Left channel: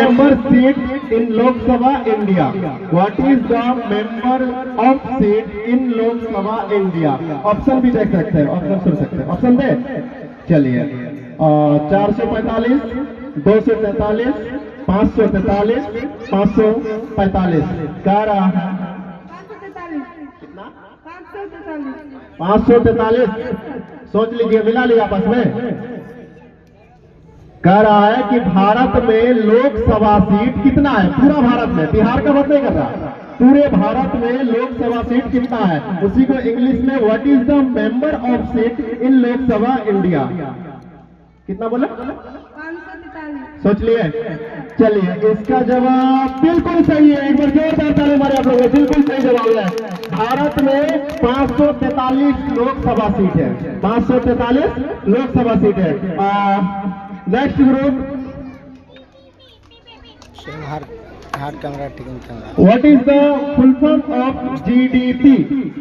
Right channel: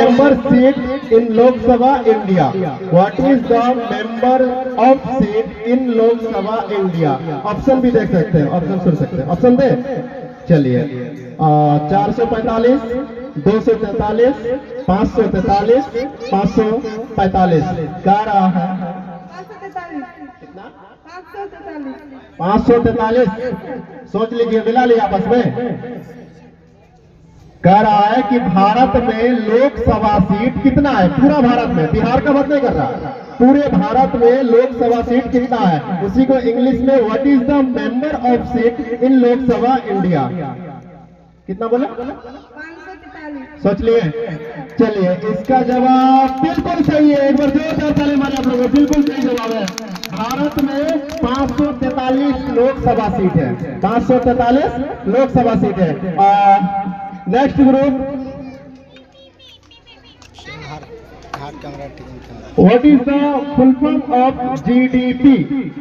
member seat in Lok Sabha India? What is the member of seat in Lok Sabha India? Option भी देख सकते हैं, option सुन सकते हैं, ऑप्शन दे। चलिए 445, 243, 543, 545। क्या रहा है? 543। सोच लीजिए, मिला लिया आपस में। कह रहा है कि भारत में लोकसभा सीट कितना है पूरा भारत में, बिहार का बात नहीं कर रहा, पूरे भारत में लोकसभा सीट कितना है, उसी को इंग्लिश में what is the member of seat in Lok Sabha India? कितना बोला? 543। सोच लिए? चलिए इसका जवाब बिल्कुल सही है, एक बार जोरदार ताली मारे आप लोग, बिल्कुल सही जवाब है। भारत में 543 लोकसभा सीट है, 543 लोकसभा सीट है। Next group, what is the full form of GDP?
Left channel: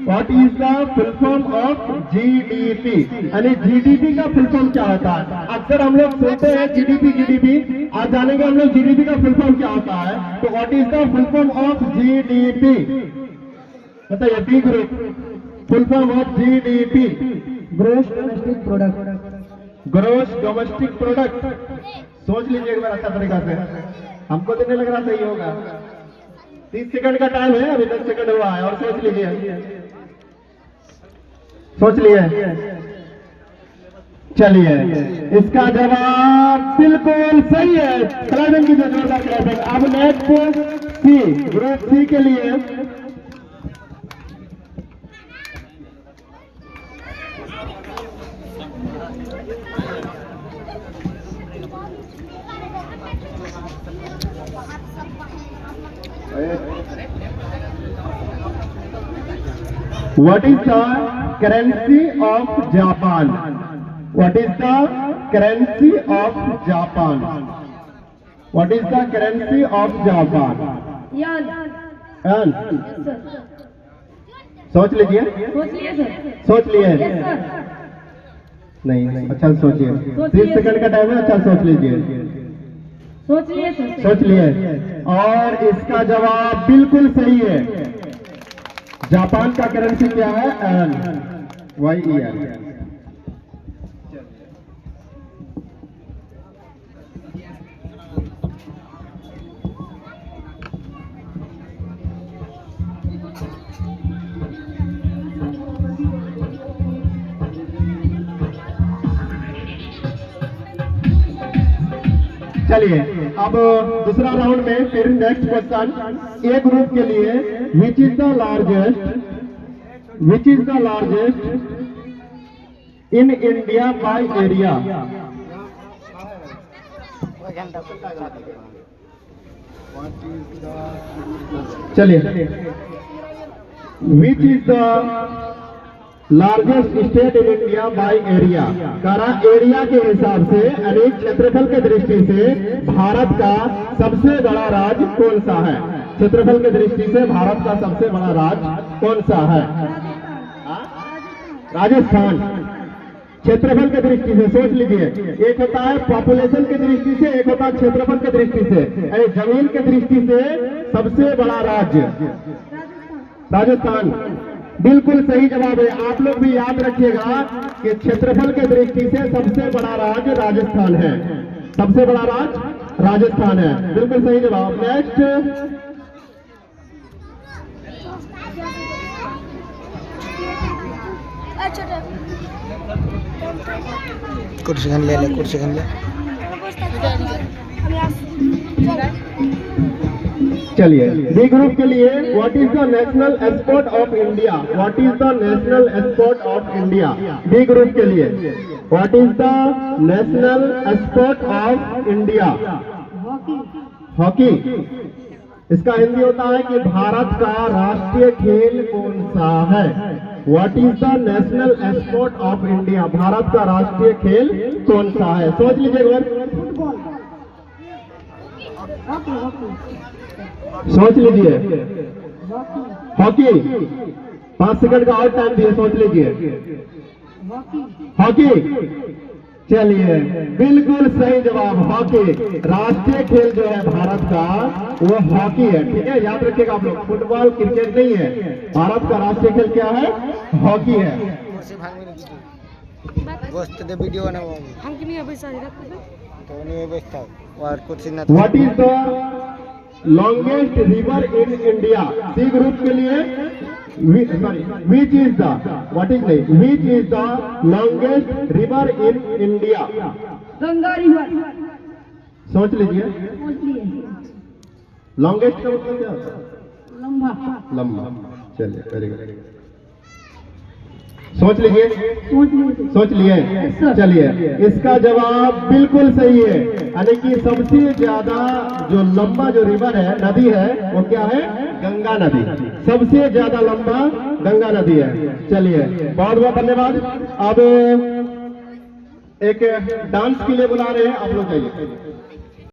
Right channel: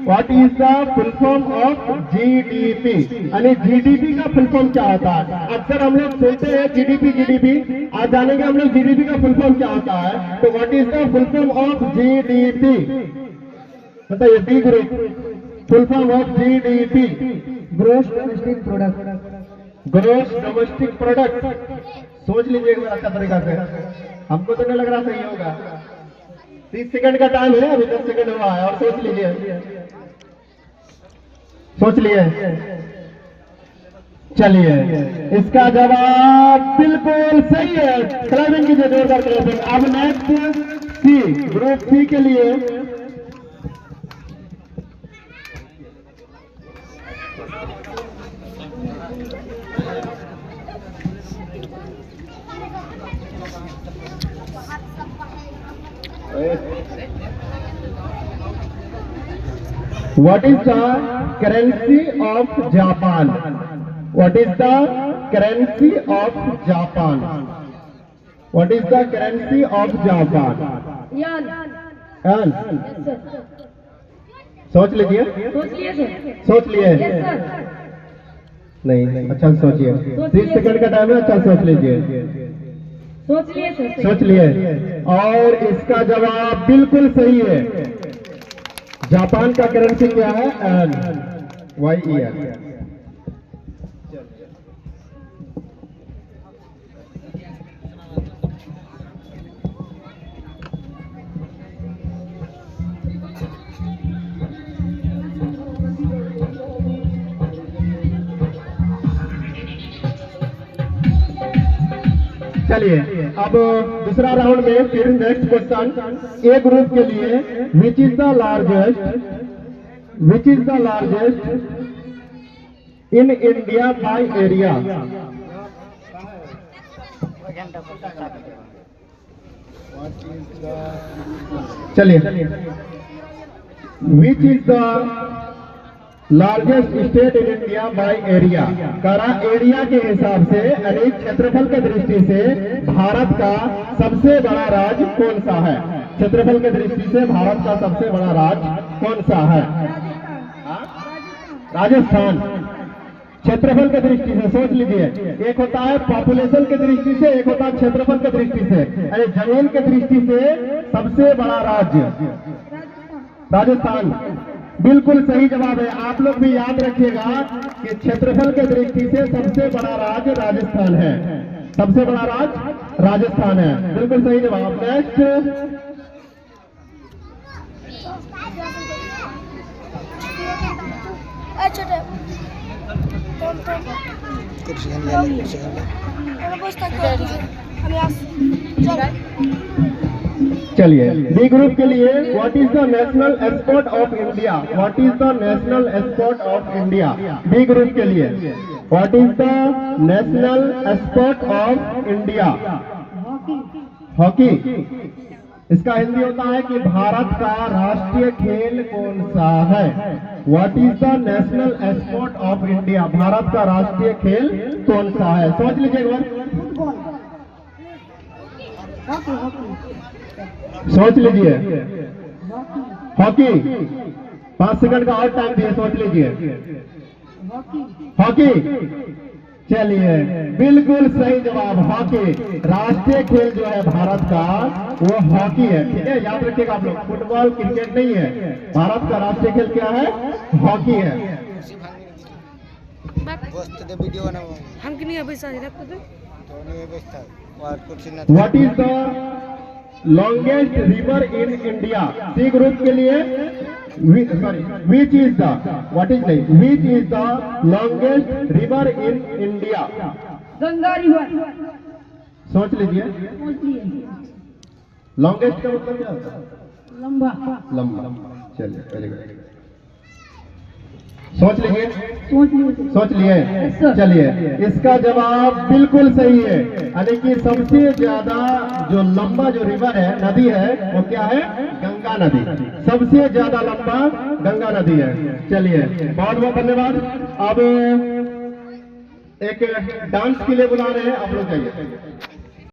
What is the full form of GDP? यानी जीडीपी का फुल फॉर्म क्या होता है? अक्सर हम लोग सुनते हैं जीडीपी, आज जानेंगे हम लोग जीडीपी का फुल फॉर्म क्या होता है। तो what is the full form of GDP? बताइए, B group, full form of GDP. Gross domestic product. Gross domestic product. सोच लीजिए एक बार अच्छा तरीका से, हमको तो नहीं लग रहा सही होगा। 30 सेकंड का टाइम है, अभी 10 सेकंड हुआ है, और सोच लीजिए, सोच लिए। चलिए इसका जवाब बिल्कुल सही है, क्लैपिंग कीजिए, जोरदार क्लैपिंग। अब नेक्स्ट सी, ग्रुप सी के लिए What is the currency of Japan? What is the currency of Japan? What is the currency of Japan? यान। Yan? सोच लीजिए, सोच लिए सर। सोच लिए? Yes sir. नहीं, अच्छा सोचिए, 30 सेकंड का टाइम है, अच्छा सोच लीजिए। सोच लिए सर। सोच लिए, और इसका जवाब बिल्कुल सही है। जापान का करेंसी क्या है? Yen, YEN। चलिए अब दूसरा राउंड में फिर नेक्स्ट क्वेश्चन, ए ग्रुप के लिए, which is the largest in India by area? चलिए, which is the largest state in India by area? करा एरिया के हिसाब से, यानी क्षेत्रफल के दृष्टि से भारत का सबसे बड़ा राज्य कौन सा है? क्षेत्रफल के दृष्टि से भारत का सबसे बड़ा राज्य कौन सा है? राजस्थान। क्षेत्रफल के दृष्टि से सोच लीजिए, एक होता है पॉपुलेशन के दृष्टि से, एक होता है क्षेत्रफल के दृष्टि से, यानी जमीन के दृष्टि से सबसे बड़ा राज्य राजस्थान। बिल्कुल सही जवाब है। आप लोग भी याद रखिएगा कि क्षेत्रफल के दृष्टि से सबसे बड़ा राज्य राजस्थान है, सबसे बड़ा राज्य राजस्थान है, बिल्कुल सही जवाब। नेक्स्ट, कुर्सी ले ले, कुर्सी ले। चलिए बी ग्रुप के लिए, what is the national export of India? What is the national export of India? B group के लिए, what is the national export of India? Hockey. इसका हिंदी होता है कि भारत का राष्ट्रीय खेल कौन सा है? What is the national export of India? Bharat का राष्ट्रीय खेल कौन सा है? सोच लीजिए एक बार, सोच लीजिए। हॉकी। 5 सेकंड का और टाइम दिए, सोच लीजिए। हॉकी। चलिए, बिल्कुल सही जवाब, हॉकी। राष्ट्रीय खेल जो है भारत का वो हॉकी है, ठीक है, याद रखिएगा आप लोग, फुटबॉल क्रिकेट नहीं है, भारत का राष्ट्रीय खेल क्या है, हॉकी है। कुर्सी भांगने गोश्त दे वीडियो बनाओ हम कि नहीं पैसा रखो तो नहीं व्यवस्था और कुर्सी ना what is the longest river in India? C group के लिए which is the, what is नहीं, which is the longest river in India? Ganga river. सोच लीजिए, सोच लिए लॉन्गेस्ट का मतलब क्या होता है? लंबा। लंबा। चलिए, वेरी गुड, सोच लीजिए, सोच लिए सर। सोच लिए। sir. चलिए, इसका जवाब बिल्कुल सही है, यानी कि सबसे ज्यादा जो लंबा जो रिवर है, नदी है, वो क्या है, गंगा नदी। सबसे ज्यादा लंबा गंगा नदी है। चलिए, बहुत बहुत धन्यवाद। अब एक डांस के लिए बुला रहे हैं, आप लोग जाइए।